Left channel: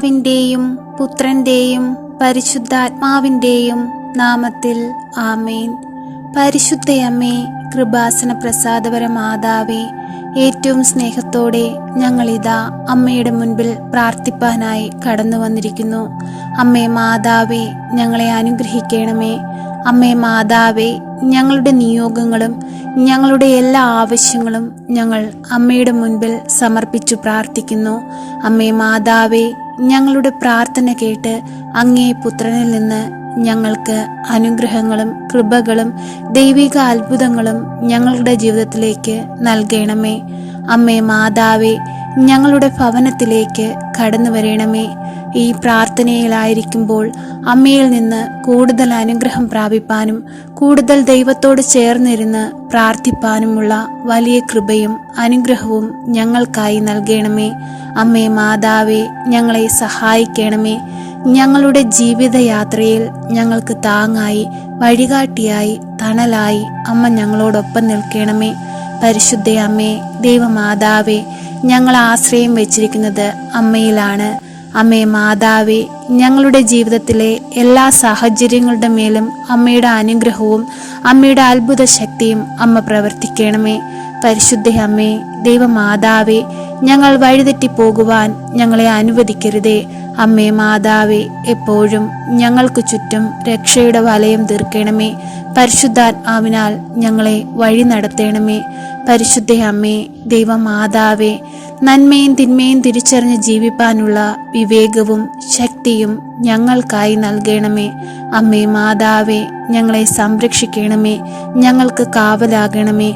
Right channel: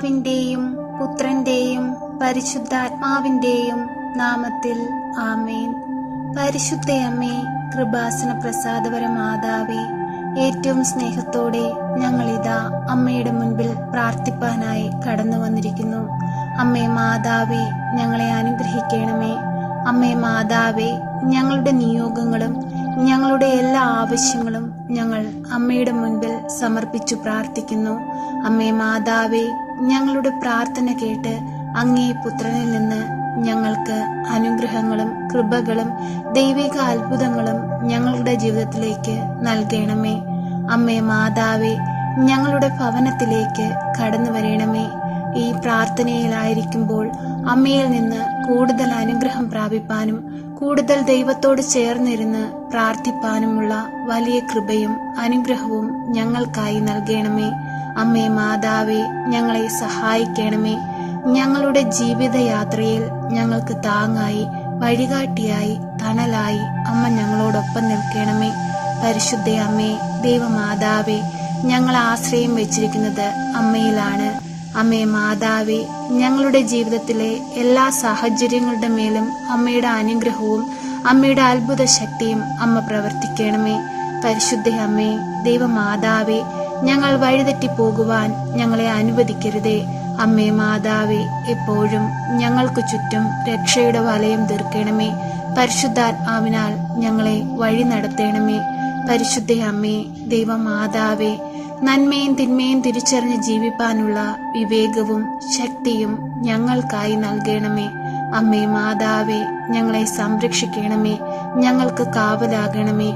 പിതാവിൻ്റെയും പുത്രൻ്റെയും പരിശുദ്ധാത്മാവിൻ്റെയും നാമത്തിൽ ആമേൻ. പരിശുദ്ധയമ്മേ, കൃപാസന പ്രസാദപര മാതാവേ, ഏറ്റവും സ്നേഹത്തോടെ ഞങ്ങളിതാ അമ്മയുടെ മുൻപിൽ പ്രാർത്ഥിപ്പാനായി കടന്നു വന്നിരിക്കുന്നു. അമ്മേ മാതാവേ, ഞങ്ങളെ അനുഗ്രഹിക്കണമേ. അമ്മേ മാതാവേ, ഞങ്ങളുടെ നിയോഗങ്ങളും ഞങ്ങളുടെ എല്ലാ ആവശ്യങ്ങളും ഞങ്ങൾ അമ്മയുടെ മുൻപിൽ സമർപ്പിച്ചു പ്രാർത്ഥിക്കുന്നു. അമ്മേ മാതാവേ, ഞങ്ങളുടെ പ്രാർത്ഥന കേട്ട് അങ്ങേ പുത്രനിൽ നിന്ന് ഞങ്ങൾക്ക് അനുഗ്രഹങ്ങളും കൃപകളും ദൈവിക അത്ഭുതങ്ങളും ഞങ്ങളുടെ ജീവിതത്തിലേക്ക് നൽകണമേ. അമ്മേ മാതാവേ, ഞങ്ങളുടെ ഭവനത്തിലേക്ക് കടന്നു വരണമേ. ഈ പ്രാർത്ഥനയിലായിരിക്കുമ്പോൾ അമ്മയിൽ നിന്ന് കൂടുതൽ അനുഗ്രഹം പ്രാപിപ്പാനും കൂടുതൽ ദൈവത്തോട് ചേർന്നിരുന്ന് പ്രാർത്ഥിപ്പാനുമുള്ള വലിയ കൃപയും അനുഗ്രഹവും ഞങ്ങൾക്കായി നൽകണമേ. അമ്മേ മാതാവേ, ഞങ്ങളെ സഹായിക്കണമേ. ഞങ്ങളുടെ ജീവിതയാത്രയിൽ ഞങ്ങൾക്ക് താങ്ങായി, വഴികാട്ടിയായി, തണലായി അമ്മ ഞങ്ങളോടൊപ്പം നിൽക്കണമേ. പരിശുദ്ധ അമ്മേ, ദൈവമാതാവേ, ഞങ്ങൾ ആശ്രയം വെച്ചിരിക്കുന്നത് അമ്മയിലാണ്. അമ്മേ മാതാവേ, ഞങ്ങളുടെ ജീവിതത്തിലെ എല്ലാ സാഹചര്യങ്ങളുടെ മേലും അമ്മയുടെ അനുഗ്രഹവും അമ്മയുടെ അത്ഭുത ശക്തിയും അമ്മ പ്രവർത്തിക്കണമേ. പരിശുദ്ധ അമ്മേ, ദൈവമാതാവേ, ഞങ്ങൾ വഴിതെറ്റിപ്പോകുവാൻ ഞങ്ങളെ അനുവദിക്കരുതേ. അമ്മേ മാതാവേ, എപ്പോഴും ഞങ്ങൾക്ക് ചുറ്റും രക്ഷയുടെ വലയം തീർക്കണമേ. പരിശുദ്ധാത്മാവിനാൽ ഞങ്ങളെ വഴി നടത്തണമേ. പരിശുദ്ധ അമ്മേ, ദൈവമാതാവേ, നന്മയും തിന്മയും തിരിച്ചറിഞ്ഞ് ജീവിപ്പാനുള്ള വിവേകവും ശക്തിയും ഞങ്ങൾക്കായി നൽകണമേ. അമ്മേ മാതാവേ, ഞങ്ങളെ സംരക്ഷിക്കണമേ. ഞങ്ങൾക്ക് കാവലാകണമേ.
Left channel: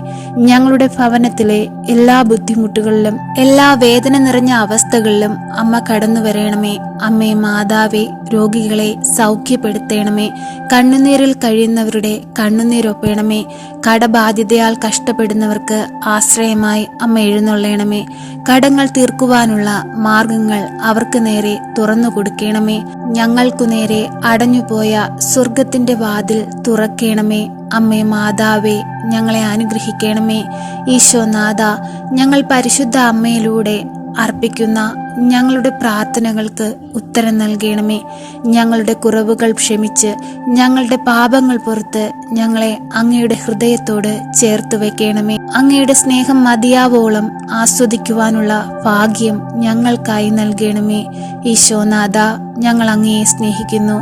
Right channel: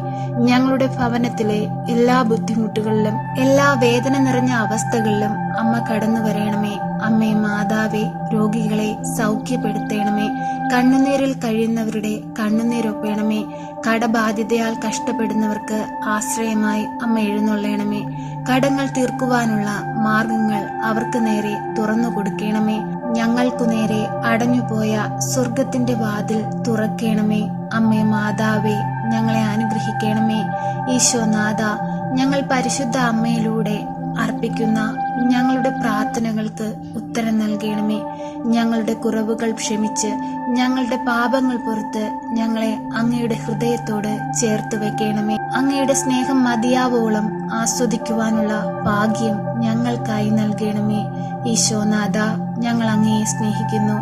ഞങ്ങളുടെ ഭവനത്തിലെ എല്ലാ ബുദ്ധിമുട്ടുകളിലും എല്ലാ വേദന നിറഞ്ഞ അവസ്ഥകളിലും അമ്മ കടന്നു വരണമേ. അമ്മേ മാതാവേ, രോഗികളെ സൗഖ്യപ്പെടുത്തണമേ. കണ്ണുനീരിൽ കഴിയുന്നവരുടെ കണ്ണുനീരൊപ്പണമേ. കടബാധ്യതയാൽ കഷ്ടപ്പെടുന്നവർക്ക് ആശ്രയമായി അമ്മ എഴുന്നള്ളണമേ. കടങ്ങൾ തീർക്കുവാനുള്ള മാർഗങ്ങൾ അവർക്ക് നേരെ തുറന്നു കൊടുക്കണമേ. ഞങ്ങൾക്കു നേരെ അടഞ്ഞുപോയ സ്വർഗത്തിന്റെ വാതിൽ തുറക്കണമേ. അമ്മേ മാതാവേ, ഞങ്ങളെ അനുഗ്രഹിക്കണമേ. ഈശോനാഥ, ഞങ്ങൾ പരിശുദ്ധ അമ്മയിലൂടെ അർപ്പിക്കുന്ന ഞങ്ങളുടെ പ്രാർത്ഥനകൾക്ക് ഉത്തരം നൽകണമേ. ഞങ്ങളുടെ കുറവുകൾ ക്ഷമിച്ച് ഞങ്ങളുടെ പാപങ്ങൾ പുറത്ത് ഞങ്ങളെ അങ്ങയുടെ ഹൃദയത്തോട് ചേർത്ത് വെക്കണമേ. അങ്ങയുടെ സ്നേഹം മതിയാവോളം ആസ്വദിക്കുവാനുള്ള ഭാഗ്യം ഞങ്ങൾക്കായി നൽകണമേ. ഈശോനാഥ, ഞങ്ങൾ അങ്ങയെ സ്നേഹിക്കുന്നു.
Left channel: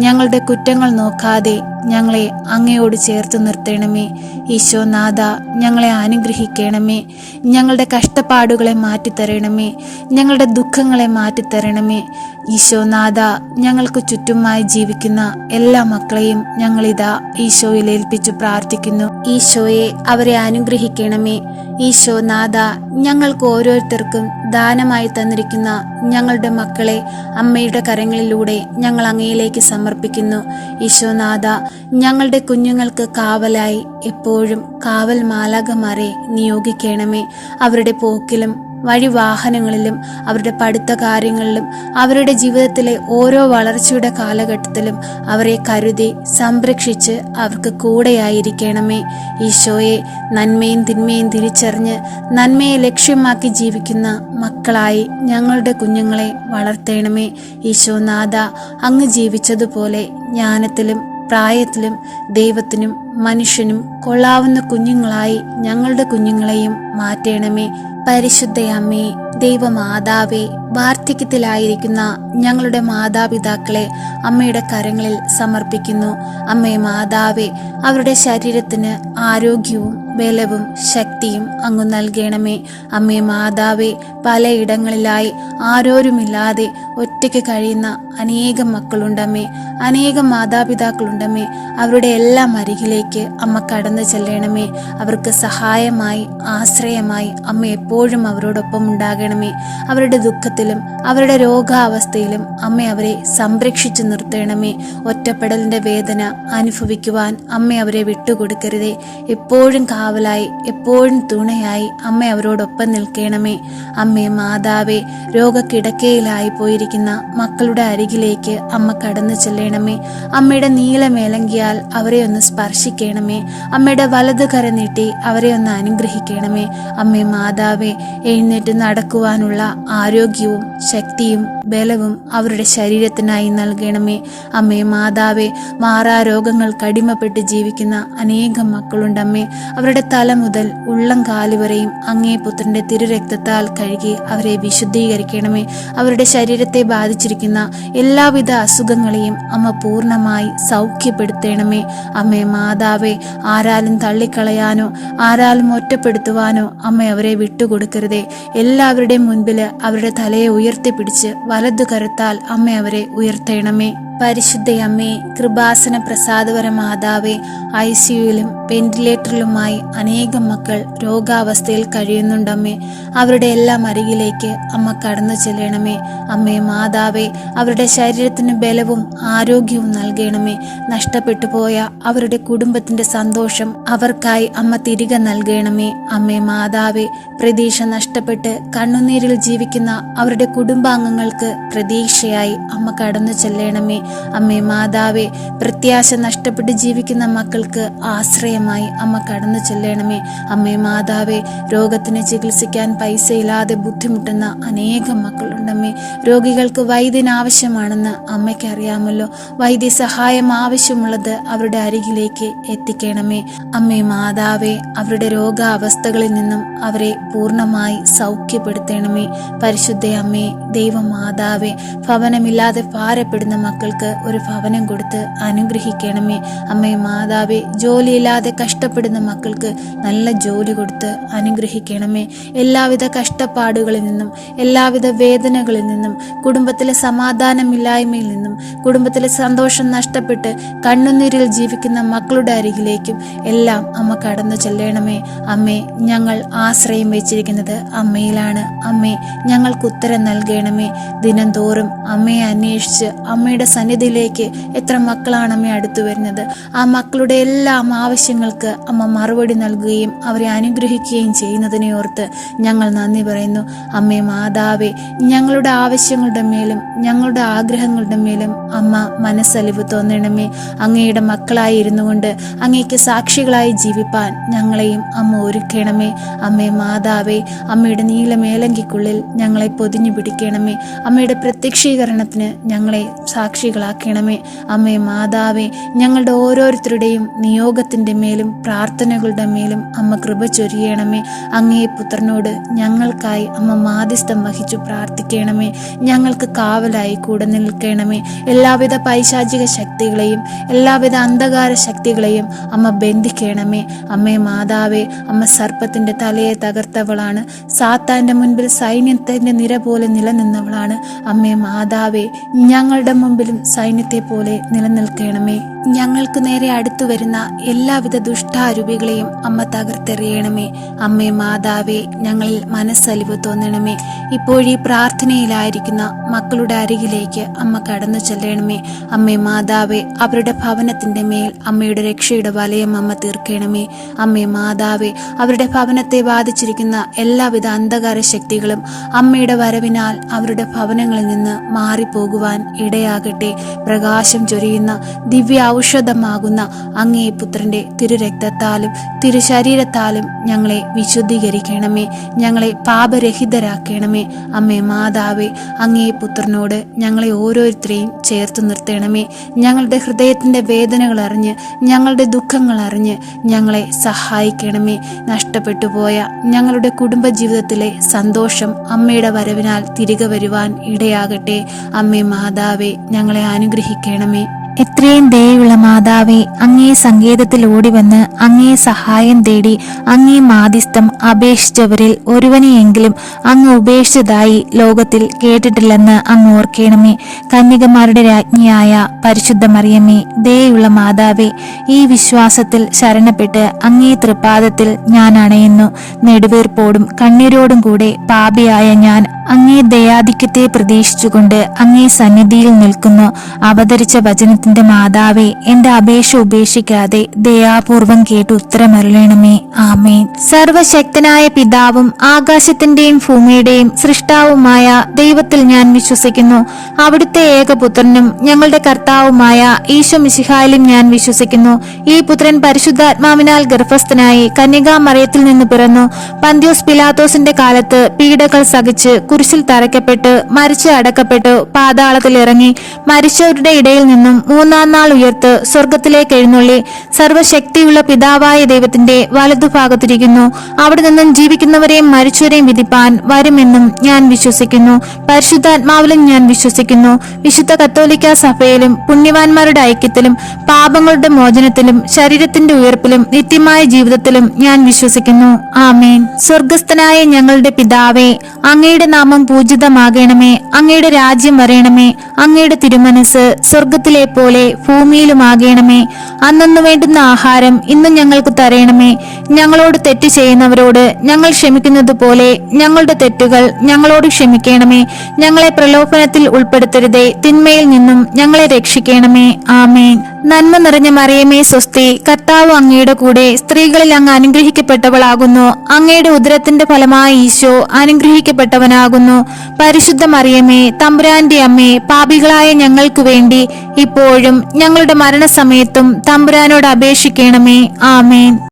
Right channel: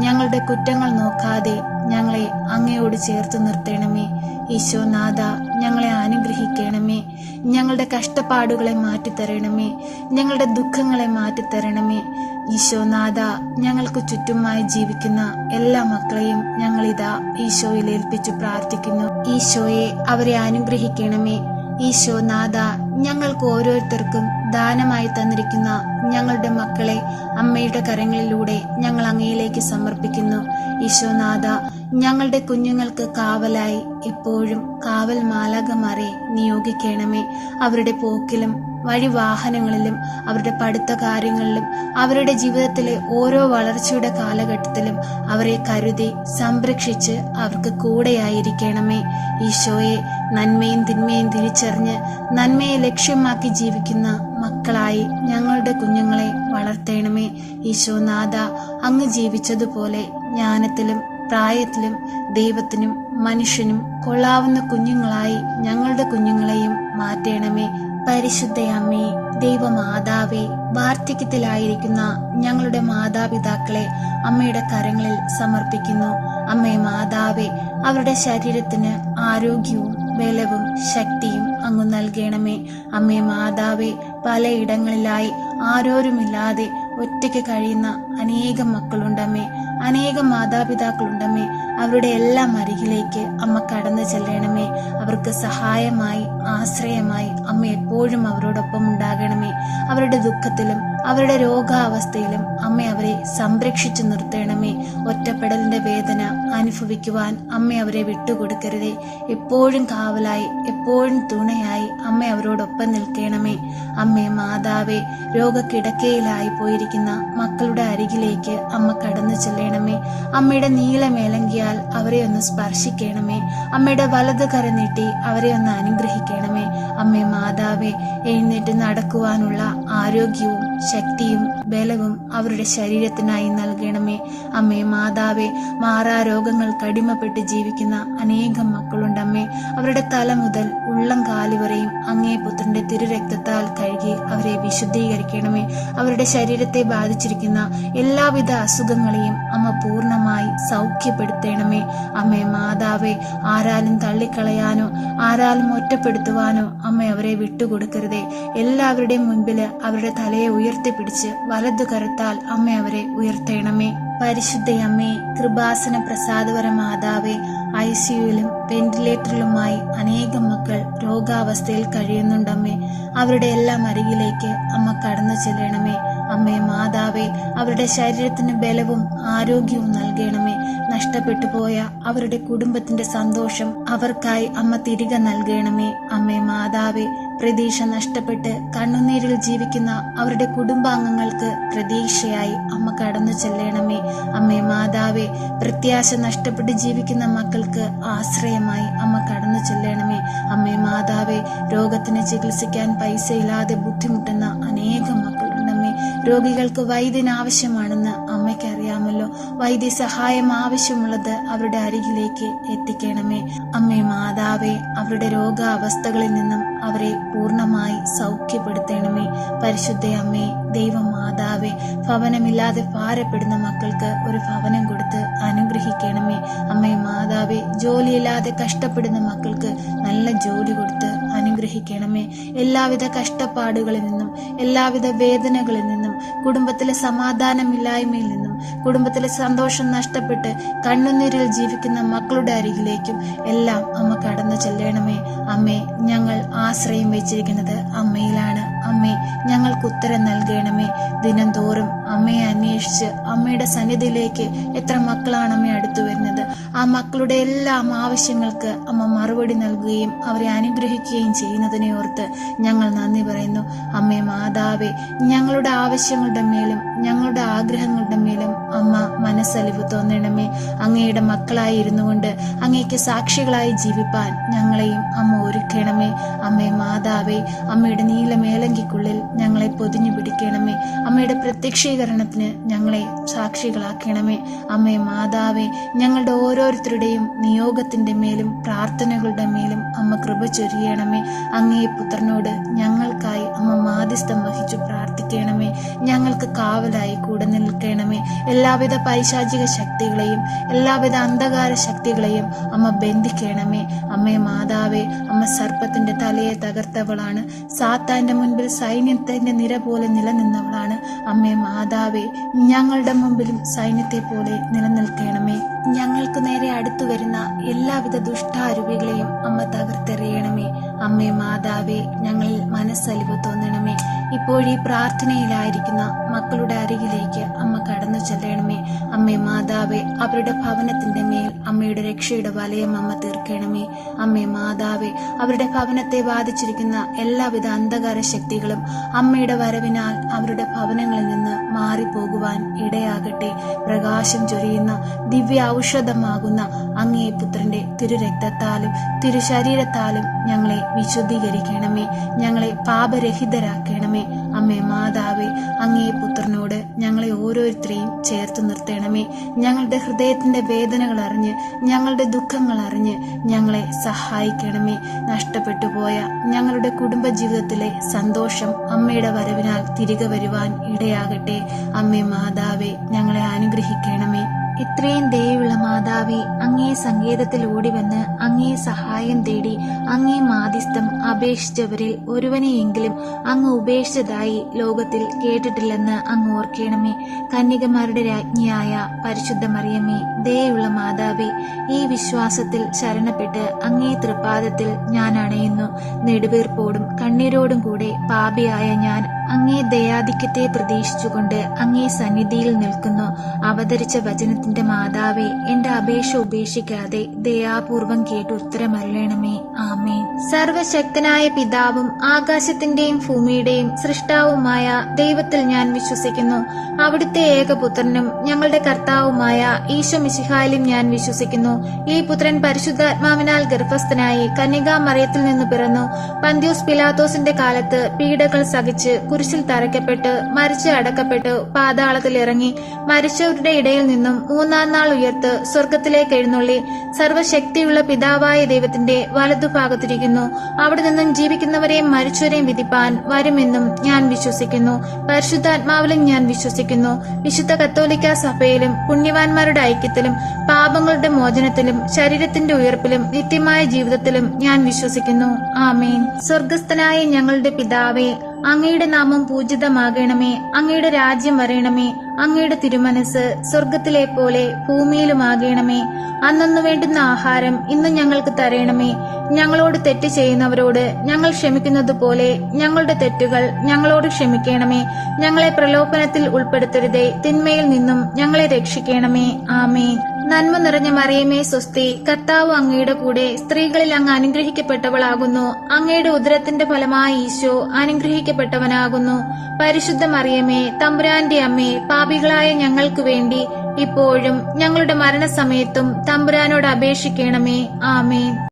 ഞങ്ങളുടെ കുറ്റങ്ങൾ നോക്കാതെ ഞങ്ങളെ അങ്ങയോട് ചേർത്ത് നിർത്തണമേ. ഈശോനാഥ, ഞങ്ങളെ അനുഗ്രഹിക്കണമേ. ഞങ്ങളുടെ കഷ്ടപ്പാടുകളെ മാറ്റിത്തരണമേ. ഞങ്ങളുടെ ദുഃഖങ്ങളെ മാറ്റിത്തരണമേ. ഈശോനാഥ, ഞങ്ങൾക്ക് ചുറ്റുമായി ജീവിക്കുന്ന എല്ലാ മക്കളെയും ഞങ്ങളിതാ ഈശോയിൽ ഏൽപ്പിച്ചു പ്രാർത്ഥിക്കുന്നു. ഈശോയെ, അവരെ അനുഗ്രഹിക്കണമേ. ഈശോനാഥ, ഞങ്ങൾക്ക് ഓരോരുത്തർക്കും ദാനമായി തന്നിരിക്കുന്ന ഞങ്ങളുടെ മക്കളെ അമ്മയുടെ കരങ്ങളിലൂടെ ഞങ്ങൾ അങ്ങയിലേക്ക് സമർപ്പിക്കുന്നു. ഈശോനാഥ, ഞങ്ങളുടെ കുഞ്ഞുങ്ങൾക്ക് കാവലായി എപ്പോഴും കാവൽ മാലാഖമാരെ നിയോഗിക്കണമേ. അവരുടെ പോക്കിലും വഴിവാഹനങ്ങളിലും അവരുടെ പഠിത്ത കാര്യങ്ങളിലും അവരുടെ ജീവിതത്തിലെ ഓരോ വളർച്ചയുടെ കാലഘട്ടത്തിലും അവരെ കരുതി സംരക്ഷിച്ച് അവർക്ക് കൂടെയായിരിക്കണമേ. ഈശോയെ, നന്മയും തിന്മയും തിരിച്ചറിഞ്ഞ് നന്മയെ ലക്ഷ്യമാക്കി ജീവിക്കുന്ന മക്കളായി ഞങ്ങളുടെ കുഞ്ഞുങ്ങളെ വളർത്തണമേ. ഈശോനാഥ, അങ്ങ് ജീവിച്ചതുപോലെ ജ്ഞാനത്തിലും പ്രായത്തിലും ദൈവത്തിനും മനുഷ്യനും കൊള്ളാവുന്ന കുഞ്ഞുങ്ങളായി ഞങ്ങളുടെ കുഞ്ഞുങ്ങളെയും മാറ്റണമേ. പരിശുദ്ധ അമ്മേ, ദൈവമാതാവേ, വാർദ്ധക്യത്തിലായിരിക്കുന്ന ഞങ്ങളുടെ മാതാപിതാക്കളെ അമ്മയുടെ കരങ്ങളിൽ സമർപ്പിക്കുന്നു. അമ്മേ മാതാവേ, അവരുടെ ശരീരത്തിന് ആരോഗ്യവും ബലവും ശക്തിയും അങ്ങ് നൽകണമേ. അമ്മേ മാതാവേ, പലയിടങ്ങളിലായി ആരോരുമില്ലാതെ ഒറ്റയ്ക്ക് കഴിയുന്ന അനേകം മക്കളുണ്ടമ്മേ. അനേകം മാതാപിതാക്കളുണ്ടമ്മേ. അവരുടെ എല്ലാം അരികിലേക്ക് അമ്മ കടന്നു ചെല്ലണമേ. അവർക്ക് സഹായമായി, ആശ്രയമായി അമ്മ എപ്പോഴും അവരോടൊപ്പം ഉണ്ടാകണമേ. അവരുടെ ദുഃഖത്തിലും അവരുടെ രോഗാവസ്ഥയിലും അമ്മ അവരെ സംരക്ഷിച്ചു നിർത്തണമേ. ഒറ്റപ്പെടലിന്റെ വേദന അനുഭവിക്കുവാൻ അമ്മ അവരെ വിട്ടുകൊടുക്കരുതേ. എപ്പോഴും കാവലായി, എപ്പോഴും തുണയായി അമ്മ അവരോടൊപ്പം നിൽക്കണമേ. അമ്മേ മാതാവേ, രോഗക്കിടക്കയിലായി പോയിരിക്കുന്ന കഴിയുന്ന മക്കളുടെ അരികിലേക്ക് അമ്മ കടന്നു ചെല്ലണമേ. അമ്മയുടെ നീലമേലങ്കിയാൽ അവരെ ഒന്ന് സ്പർശിക്കണമേ. അമ്മയുടെ വലത് കര നീട്ടി അവരെ ഒന്ന് അനുഗ്രഹിക്കണമേ. അമ്മേ മാതാവേ, എഴുന്നേറ്റ് നടക്കുവാനുള്ള ആരോഗ്യവും ശക്തിയും ബലവും അവരുടെ ശരീരത്തിനായി നൽകണമേ. അമ്മേ മാതാവേ, മാറാരോഗങ്ങൾക്ക് അടിമപ്പെട്ട് ജീവിക്കുന്ന അനേകം മക്കളുണ്ടമ്മേ. അവരുടെ തല മുതൽ ഉള്ളം കാലുവരെയും അങ്ങേ പുത്രന്റെ തിരുരക്തത്താൽ കഴുകി അവരെ വിശുദ്ധീകരിക്കണമേ. അവരുടെ ശരീരത്തെ ബാധിച്ചിരിക്കുന്ന എല്ലാവിധ അസുഖങ്ങളെയും അമ്മ പൂർണ്ണമായി സൗഖ്യപ്പെടുത്തണമേ. അമ്മേ മാതാവേ, ആരാലും തള്ളിക്കളയാനോ ആരാലും ഒറ്റപ്പെടുത്തുവാനോ അമ്മ അവരെ വിട്ടുകൊടുക്കരുതേ. എല്ലാവരുടെയും മുൻപിൽ അവരുടെ തലയെ ഉയർത്തിപ്പിടിച്ച് വലതു കരത്താൽ അമ്മ അവരെ ഉയർത്തണമേ. പരിശുദ്ധയമ്മേ, കൃപാസന പ്രസാദവര മാതാവേ, ICUയിലും വെന്റിലേറ്ററിലുമായി അനേകം മക്കൾ രോഗാവസ്ഥയിൽ കഴിയുന്നുണ്ടമ്മേ. അവരുടെ എല്ലാം അരികിലേക്ക് അമ്മ കടന്നു ചെല്ലണമേ. അമ്മേ മാതാവേ, അവരുടെ ശരീരത്തിന് ബലവും ആരോഗ്യവും നൽകണമേ. നഷ്ടപ്പെട്ടു പോയ അവരുടെ കുടുംബത്തിന്റെ സന്തോഷം അവർക്കായി അമ്മ തിരികെ നൽകണമേ. അമ്മേ മാതാവേ, പ്രതീക്ഷ നഷ്ടപ്പെട്ട് കണ്ണുനീരിൽ ജീവിക്കുന്ന അവരുടെ കുടുംബാംഗങ്ങൾക്ക് പ്രതീക്ഷയായി അമ്മ കടന്നു ചെല്ലണമേ. അമ്മേ മാതാവേ, പ്രത്യാശ നഷ്ടപ്പെട്ട് ജീവിക്കുന്ന മക്കൾക്ക് ആശ്രയമായി അമ്മ കടന്നു ചെല്ലണമേ. അമ്മേ മാതാവേ, രോഗത്തിന് ചികിത്സിക്കാൻ പൈസയില്ലാതെ ബുദ്ധിമുട്ടുന്ന അനേകം മക്കളുണ്ടമ്മേ. രോഗികൾക്ക് വൈദ്യന് ആവശ്യമാണെന്ന് അമ്മയ്ക്ക് അറിയാമല്ലോ. വൈദ്യസഹായം ആവശ്യമുള്ളത് അവരുടെ അരികിലേക്ക് എത്തിക്കണമേ. അമ്മേ മാതാവേ, അവരുടെ രോഗാവസ്ഥകളിൽ നിന്നും അവരെ പൂർണ്ണമായി സൗഖ്യപ്പെടുത്തണമേ. പരിശുദ്ധയമ്മേ, ദൈവമാതാവേ, ഭവനമില്ലാതെ ഭാരപ്പെടുന്ന മക്കൾക്ക് ഒരു ഭവനം കൊടുത്ത് അനുഗ്രഹിക്കണമേ. അമ്മേ മാതാവേ, ജോലിയില്ലാതെ കഷ്ടപ്പെടുന്ന മക്കൾക്ക് നല്ല ജോലി കൊടുത്ത് അനുഗ്രഹിക്കണമേ. എല്ലാവിധ കഷ്ടപ്പാടുകളിൽ നിന്നും എല്ലാവിധ വേദനകളിൽ നിന്നും കുടുംബത്തിലെ സമാധാനമില്ലായ്മയിൽ നിന്നും കുടുംബത്തിലെ സന്തോഷം നഷ്ടപ്പെട്ട് കണ്ണുനീരിൽ ജീവിക്കുന്ന മക്കളുടെ അരികിലേക്കും എല്ലാം അമ്മ കടന്നു ചെല്ലണമേ. അമ്മേ, ഞങ്ങൾ ആശ്രയം വെച്ചിരിക്കുന്നത് അമ്മയിലാണ്. അമ്മേ, ഞങ്ങൾക്ക് ഉത്തരം നൽകണമേ. ദിനം തോറും അമ്മയെ അന്വേഷിച്ച് അമ്മയുടെ സന്നിധിയിലേക്ക് എത്ര മക്കളാണ് അമ്മ അടുത്തു വരുന്നത്. ആ മക്കളുടെ എല്ലാം ആവശ്യങ്ങൾക്ക് അമ്മ മറുപടി നൽകുകയും അവരെ അനുഗ്രഹിക്കുകയും ചെയ്യുന്നതിനെ ഓർത്ത് ഞങ്ങൾ നന്ദി പറയുന്നു. അമ്മേ മാതാവേ, ഞങ്ങളുടെ ആവശ്യങ്ങളുടെ മേലും ഞങ്ങളുടെ ആഗ്രഹങ്ങളുടെ മേലും അമ്മ മനസ്സലിവ് തോന്നണമേ. അങ്ങയുടെ മക്കളായി ഇരുന്നു കൊണ്ട് അങ്ങേക്ക് സാക്ഷികളായി ജീവിപ്പാൻ ഞങ്ങളെയും അമ്മ ഒരുക്കണമേ. അമ്മേ മാതാവേ, അമ്മയുടെ നീലമേലങ്കിക്കുള്ളിൽ ഞങ്ങളെ പൊതിഞ്ഞു പിടിക്കണമേ. അമ്മയുടെ പ്രത്യക്ഷീകരണത്തിന് ഞങ്ങളെ സാക്ഷികളാക്കണമേ. അമ്മേ മാതാവേ, ഞങ്ങളുടെ ഓരോരുത്തരുടെയും നിയോഗത്തിന്റെ മേലും പ്രാർത്ഥനകളുടെ മേലും അമ്മ കൃപ ചൊരിയണമേ. അങ്ങേ പുത്രനോട് ഞങ്ങൾക്കായി അമ്മ മാധ്യസ്ഥം വഹിച്ചു പ്രാർത്ഥിക്കണമേ. ഞങ്ങൾക്ക് കാവലായി കൂടെ നിൽക്കണമേ. എല്ലാവിധ പൈശാചിക ശക്തികളെയും എല്ലാവിധ അന്ധകാര ശക്തികളെയും അമ്മ ബന്ധിക്കണമേ. അമ്മേ മാതാവേ, അമ്മ സർപ്പത്തിന്റെ തലയെ തകർത്തവളാണ്. സാത്താന്റെ മുൻപിൽ സൈന്യത്തിന്റെ നിര പോലെ നിലനിന്നവളാണ്. അമ്മേ മാതാവേ, ഞങ്ങളുടെ മുമ്പിലും സൈന്യത്തെ പോലെ നിലനിൽക്കണമേ. ഞങ്ങൾക്ക് നേരെ അടുത്തു വരുന്ന എല്ലാവിധ ദുഷ്ടാരൂപികളെയും അമ്മ തകർത്തെറിയണമേ. അമ്മേ മാതാവേ, ഞങ്ങളിൽ മനസ്സലിവ് തോന്നണമേ. ഇപ്പോഴീ പ്രാർത്ഥനയിലായിരിക്കുന്ന മക്കളുടെ അരികിലേക്ക് അമ്മ കടന്നു ചെല്ലണമേ. അമ്മേ മാതാവേ, അവരുടെ ഭവനത്തിന്റെ മേൽ അമ്മയുടെ രക്ഷയുടെ വലയം അമ്മ തീർക്കണമേ. അമ്മേ മാതാവേ, അവരുടെ ഭവനത്തെ ബാധിച്ചിരിക്കുന്ന എല്ലാവിധ അന്ധകാര ശക്തികളും അമ്മയുടെ വരവിനാൽ അവരുടെ ഭവനങ്ങളിൽ നിന്ന് മാറിപ്പോകുവാൻ ഇടയാകട്ടെ. പ്രകാശം ചൊരിയുന്ന ദിവ്യ ഔഷധമാകുന്ന അങ്ങേ പുത്രന്റെ തിരുരക്തത്താലും തിരുശരീരത്താലും ഞങ്ങളെ വിശുദ്ധീകരിക്കണമേ. ഞങ്ങളെ പാപരഹിതരാക്കണമേ. അമ്മേ മാതാവേ, അങ്ങേ പുത്രനോട് ഞങ്ങളെ ഓരോരുത്തരെയും ചേർത്ത് നിർത്തണമേ. ഞങ്ങളുടെ ഹൃദയത്തിന്റെ വേദനകൾ അറിഞ്ഞ് ഞങ്ങളുടെ ദുഃഖങ്ങൾ അറിഞ്ഞ് ഞങ്ങളെ സഹായിക്കണമേ. നഷ്ടപ്പെട്ടു പോയ ഞങ്ങളുടെ കുടുംബജീവിതത്തിലെ സന്തോഷം അമ്മയുടെ വരവിനാൽ തിരികെ വരുവാൻ ഇടയാകട്ടെ. അമ്മേ മാതാവേ, ഞങ്ങളെ അനുഗ്രഹിക്കണമേ. എത്രയും ദയുള്ള മാതാവേ, അങ്ങേ സങ്കേതത്തിൽ ഓടിവന്ന് അങ്ങേ സഹായം തേടി അങ്ങേ മാധ്യസ്ഥം അപേക്ഷിച്ചവരിൽ ഒരുവനെയെങ്കിലും അങ്ങ് ഉപേക്ഷിച്ചതായി ലോകത്തിൽ കേട്ടിട്ടില്ലെന്ന് അങ്ങ് ഓർക്കണമേ. കന്യകമാരുടെ രാജ്ഞിയായ പരിശുദ്ധ മറിയമ്മേ, ദയുള്ള മാതാവേ, ഈ വിശ്വാസത്തിൽ ശരണപ്പെട്ട് അങ്ങേ തൃപ്പാദത്തിൽ ഞാൻ അണയുന്നു. നെടുവീർപ്പോടും കണ്ണീരോടും കൂടെ പാപിയായ ഞാൻ അങ്ങേ ദയാധിക്യത്തെ പ്രതീക്ഷിച്ചുകൊണ്ട് അങ്ങേ സന്നിധിയിൽ നിൽക്കുന്നു. അവതരിച്ച വചനത്തിന്റെ മാതാവേ, എന്റെ അപേക്ഷ ഉപേക്ഷിക്കാതെ ദയാപൂർവം കേട്ട് ഉത്തരമരുളണമേ. ആമേൻ. സർവശക്തനായ പിതാവും ആകാശത്തിന്റെയും ഭൂമിയുടെയും സൃഷ്ടാവുമായ ദൈവത്തിൽ ഞാൻ വിശ്വസിക്കുന്നു. അവിടുത്തെ ഏകപുത്രനും ഞങ്ങളുടെ കർത്താവുമായ ഈശോ മിശിഹായിലും ഞാൻ വിശ്വസിക്കുന്നു. ഈ പുത്രൻ പരിശുദ്ധാത്മാവിനാൽ ഗർഭസ്ഥനായി കന്യകാമറിയത്തിൽ നിന്ന് പിറന്നു. പന്ത്യോസ് പിലാത്തോസിന്റെ കാലത്ത് പീഡകൾ സഹിച്ച് കുരിശിൽ തറയ്ക്കപ്പെട്ട് മരിച്ച് അടക്കപ്പെട്ടു പാതാളത്തിൽ ഇറങ്ങി മരിച്ചവരുടെ ഇടയിൽ നിന്നും മൂന്നാം നാൾ ഉയർത്ത് സ്വർഗത്തിലേക്ക് എഴുന്നള്ളി സർവശക്തിയുള്ള പിതാവായ ദൈവത്തിന്റെ വലതുഭാഗത്തിരിക്കുന്നു. അവിടെ നിന്നും ജീവിക്കുന്നവരെയും മരിച്ചവരെയും വിധിപ്പാൻ വരുമെന്നും ഞാൻ വിശ്വസിക്കുന്നു. പരിശുദ്ധാത്മാവിലും ഞാൻ വിശ്വസിക്കുന്നു. വിശുദ്ധ കത്തോലിക്കാ സഭയിലും പുണ്യവാന്മാരുടെ ഐക്യത്തിലും പാപങ്ങളുടെ മോചനത്തിലും ശരീരത്തിന്റെ ഉയർപ്പിലും നിത്യമായ ജീവിതത്തിലും ഞാൻ വിശ്വസിക്കുന്നു. ആമേൻ. സ്വർഗസ്ഥനായ ഞങ്ങളുടെ പിതാവേ, അങ്ങയുടെ നാമം പൂജിതമാകണമേ. അങ്ങയുടെ രാജ്യം വരയണമേ. അങ്ങയുടെ തിരുമനസ് സ്വർഗത്തിലെ പോലെ ഭൂമിയിലുമാകണമേ. അന്നന്നു വേണ്ടുന്ന ആഹാരം ഇന്ന് ഞങ്ങൾക്ക് തരയണമേ. ഞങ്ങളോട് തെറ്റ് ചെയ്യുന്നവരോട് ഞങ്ങൾ ക്ഷമിക്കുന്നത് പോലെ ഞങ്ങളുടെ തെറ്റുകൾ ഞങ്ങളോട് ക്ഷമിക്കണമേ. ഞങ്ങളെ പ്രലോഭനത്തിൽ ഉൾപ്പെടുത്തരുതേ, തിന്മയിൽ നിന്നും ഞങ്ങളെ രക്ഷിക്കണമേ. ആമേൻ. നന്മ നിറഞ്ഞ മറിയമേ സ്വസ്തി, കർത്താവ് അങ്ങയുടെ കൂടെ സ്ത്രീകളിൽ അങ്ങ് അനുഗ്രഹിക്കപ്പെട്ടവളാകുന്നു. അങ്ങയുടെ ഉദരത്തിന്റെ ഫലമായ ഈശോ അനുഗ്രഹിക്കപ്പെട്ടവനാകുന്നു. പരിശുദ്ധ മറിയമേ, തമ്പുരാന്റെ അമ്മേ, പാപികളായ ഞങ്ങൾക്ക് വേണ്ടി ഇപ്പോഴും ഞങ്ങളുടെ മരണസമയത്തും തമ്പുരാനോട് അപേക്ഷിക്കണമേ. ആമേൻ.